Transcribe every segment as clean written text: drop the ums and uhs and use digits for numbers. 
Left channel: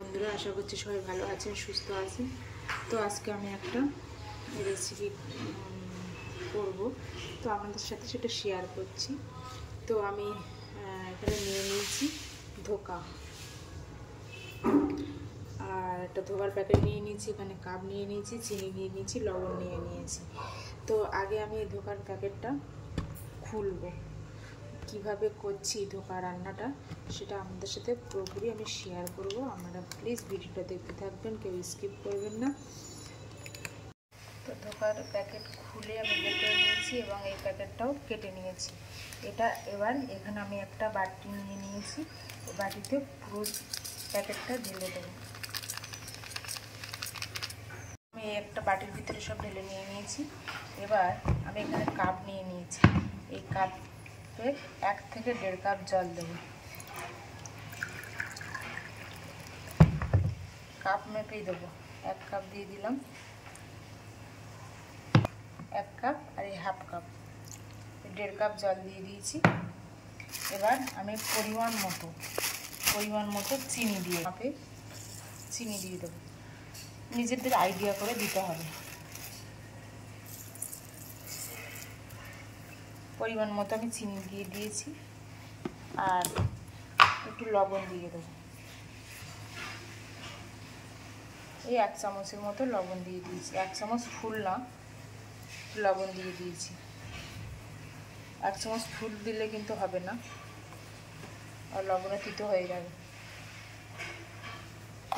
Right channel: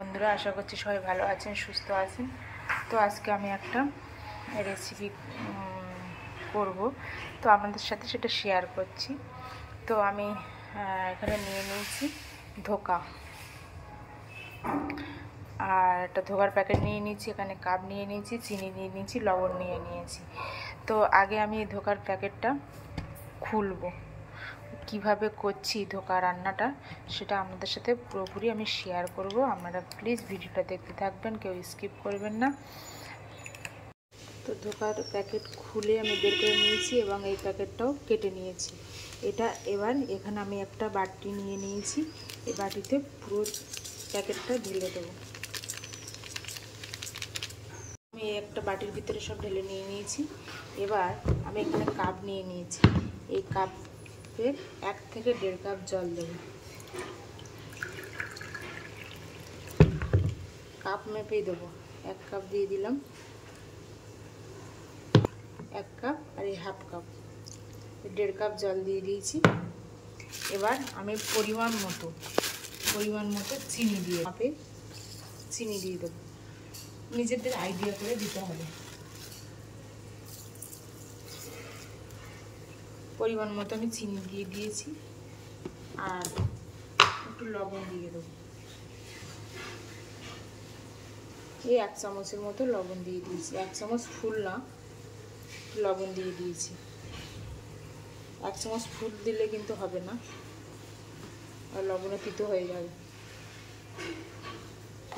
বন্ধুরা, আশা করছি সবাই ভালো আছেন, সুস্থ আছেন। তো আজকে আমি একটা রেসিপি করব, তো আপনাদের সাথে সেটা শেয়ার করছি। তো আমি এখানে নিয়ে নিয়েছি ধোকা, আর একটা ধোকার প্যাকেট নিয়ে নিয়েছি, এখানে কাপ নিয়ে নিয়েছি, চিনি নিয়ে নিয়েছি, লবণ নিয়ে নিয়েছি। তো আগে আমি এই ধোকার প্যাকেটটা খুলবো, কিভাবে করছি ধোকা রান্নাটা সেটা আপনাদের সাথে পুরোপুরি আমি শেয়ার করব। আপনারা প্লিজ ভিডিওটা দেখতে থাকবেন, কেউ স্কিপ করবেন না। তো ধোকার প্যাকেট খুলে আমি বের করে নিয়েছি এবং এই প্যাকেটটাও কেটে নিয়েছি। এটা এবার এখানে আমি একটা বাটি নিয়ে নিয়েছি, এই বাটিতে পুরো প্যাকেটটা ঢেলে দেবো। আমি একটা বাটির ভিতরে সব ঢেলে নিয়ে নিয়েছি। এবার আমি এখানে কাপ নিয়ে নিয়েছি, এই কাপের 1 থেকে 1.5 কাপ জল দেবো। কাপ মেপেই দেবো, 1 কাপ দিয়ে দিলাম, 1 কাপ আর এই 1/2 কাপ, 1.5 কাপ জল দিয়ে দিয়েছি। এবার আমি পরিমাণ মতো চিনি দিয়ে চিনি দিয়ে দেবো, নিজেদের আইডিয়া করে দিতে হবে। পরিমাণ মতো আমি চিনি দিয়ে দিয়েছি, আর একটু লবণ দিয়ে দেবো, এই 1 চামচের মতো লবণ দিয়ে দিয়েছি। 1 চামচ ফুল না, লবণ দিয়ে দিয়েছি। 1 চামচ ফুল দিলে কিন্তু হবে না, আর লবণে তিতো হয়ে যাবে।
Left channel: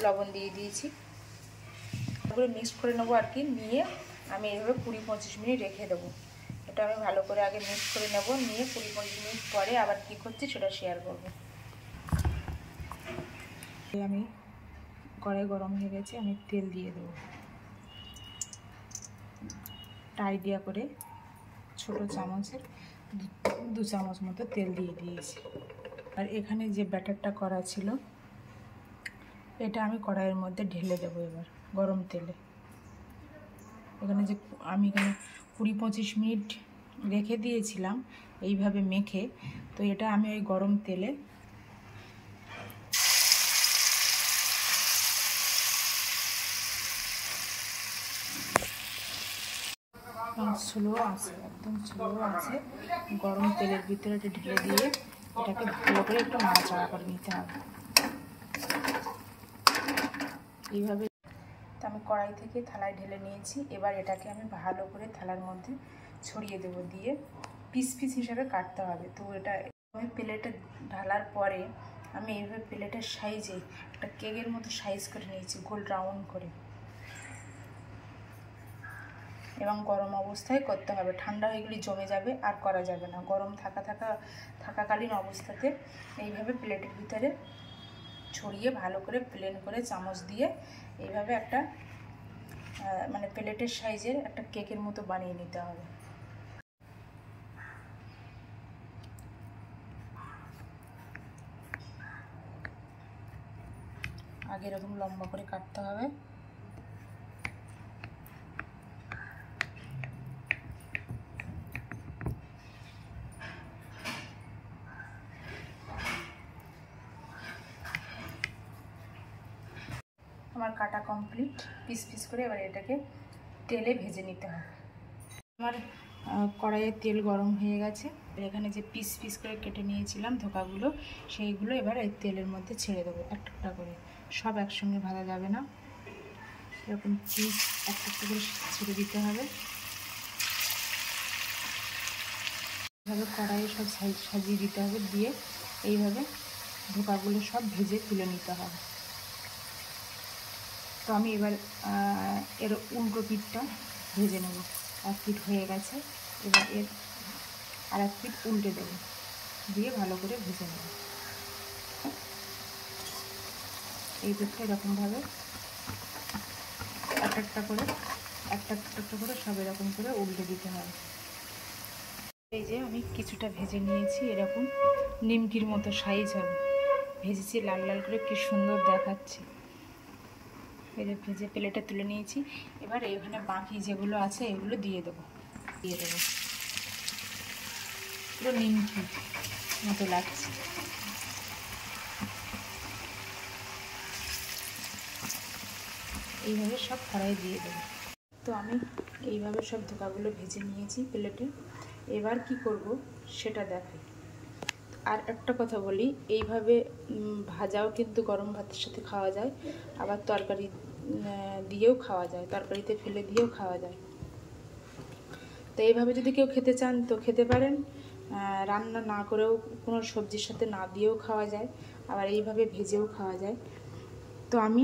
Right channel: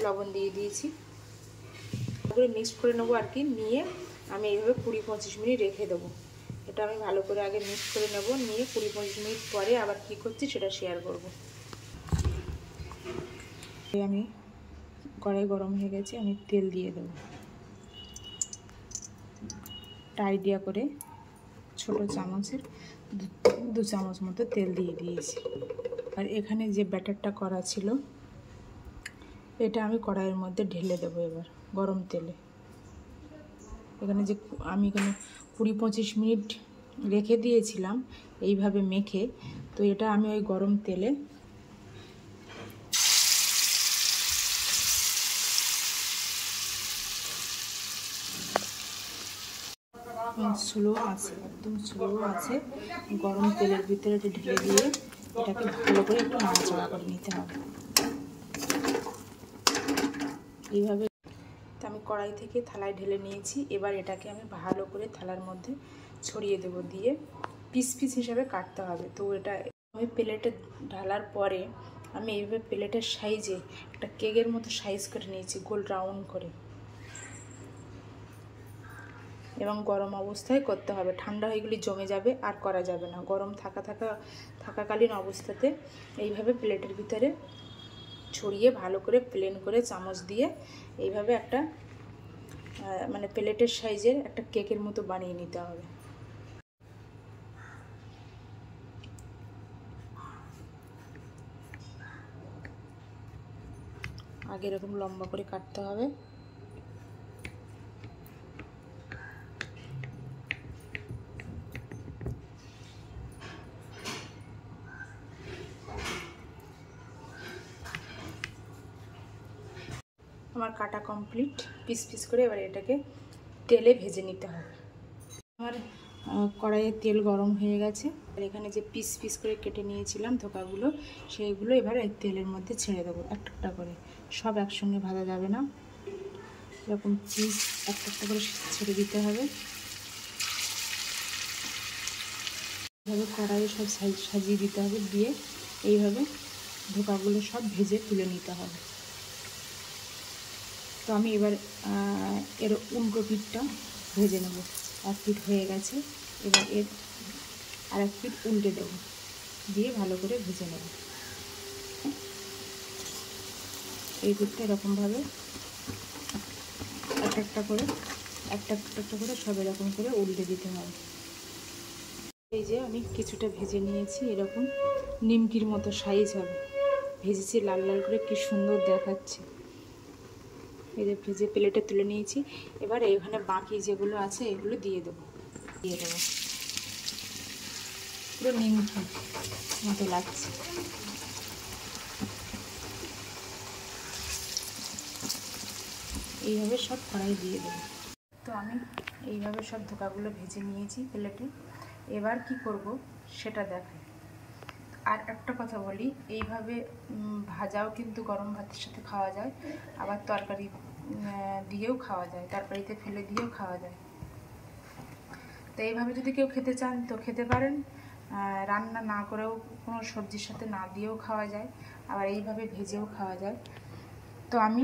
লবণ দিয়ে দিয়েছি, তারপরে মিক্স করে নেবো আর কি। নিয়ে আমি এইভাবে 20-25 মিনিট রেখে দেবো। এটা আমি ভালো করে আগে মিক্স করে নেব, নিয়ে 20-25 মিনিট পরে আবার কি করছি সেটা শেয়ার করব। আমি কড়াই গরম হয়ে গেছে, আমি তেল দিয়ে দেবো। আইডিয়া করে ছোট চামচের 2 চামচ মতো তেল দিয়ে দিয়েছি। আর এখানে যে ব্যাটারটা করা ছিল এটা আমি কড়াইয়ের মধ্যে ঢেলে দেবো এবার গরম তেলে। এখানে 20-25 মিনিট রেখে দিয়েছিলাম এইভাবে মেখে, তো এটা আমি ওই গরম তেলে একদম স্লো আছে গরম তেলের ভিতরে ঢেলে দিয়ে এটাকে ভালো করে একটু নাড়াচাড়া করে নিতে হবে এইভাবে। তো আমি কড়াই থেকে থালায় ঢেলে নিয়েছি, এবার এটাকে আমি ভালো করে থালার মধ্যে ছড়িয়ে দেব, দিয়ে পিস পিস হিসাবে কাটতে হবে। তো এটা আমি প্লেটে ঢালার পরে আমি এইভাবে প্লেটের সাইজে একটা কেকের মতো সাইজ করে নিয়েছি, গোল রাউন্ড করে। এবং গরম অবস্থায় করতে হবে, ঠান্ডা হয়ে গেলে জমে যাবে আর করা যাবে না। গরম থাকাকালীন অবস্থাতে এইভাবে প্লেটের ভিতরে ছড়িয়ে ভালো করে প্লেন করে চামচ দিয়ে এইভাবে একটা মানে প্লেটের সাইজের একটা কেকের মতো বানিয়ে নিতে হবে। আগে এরকম লম্বা করে কাটতে হবে। আমার কাটা কমপ্লিট পিস পিস করে। এবার এটাকে তেলে ভেজে নিতে হবে। আমার কড়াইয়ে তেল গরম হয়ে গেছে, আর এখানে যে পিস পিস করে কেটে নিয়েছিলাম ধোকাগুলো, সেইগুলো এবার এই তেলের মধ্যে ছেড়ে দেবো একটা একটা করে। সব একসঙ্গে ভাজা যাবে না, এরকম পিস একটা একটা করে ছেড়ে দিতে হবে। এইভাবে কড়াইয়ে সব সাজিয়ে দিতে হবে, দিয়ে এইভাবে ধোকাগুলো সব ভেজে তুলে নিতে হবে। তো আমি এবার এর উল্টো পিঠটা ভেজে নেব। 1 পিঠ হয়ে গেছে, এবার এর আর 1 পিঠ উল্টে দেবো, দিয়ে ভালো করে ভেজে নেব। এই পিঠটা এরকমভাবে একটা একটা করে সব এরকম করে উল্টে দিতে হবে। এই যে আমি কিছুটা ভেজে নিয়েছি, এরকম নিমকির মতো সাইজ হবে ভেজেছি, লাল লাল করে কি সুন্দর দেখাচ্ছে। এই যে ভেজে প্লেটে তুলে নিয়েছি। এবার এইখানে বাকি যেগুলো আছে এগুলো দিয়ে দেবো পুরো নিমকি মতো লাগছে। এইভাবে সব কড়াই দিয়ে দেবো। তো আমি এইভাবে সব ধোকাগুলো ভেজে নিয়েছি প্লেটে। এবার কি করব সেটা দেখাই। আর একটা কথা বলি, এইভাবে ভাজাও কিন্তু গরম ভাতের সাথে খাওয়া যায়, আবার তরকারি দিয়েও খাওয়া যায়, তরকারিতে ফেলে দিয়েও খাওয়া যায়। তো এইভাবে যদি কেউ খেতে চান তো খেতে পারেন, রান্না না করেও কোনো সবজির সাথে না দিয়েও খাওয়া যায়, আবার এইভাবে ভেজেও খাওয়া যায়। তো আমি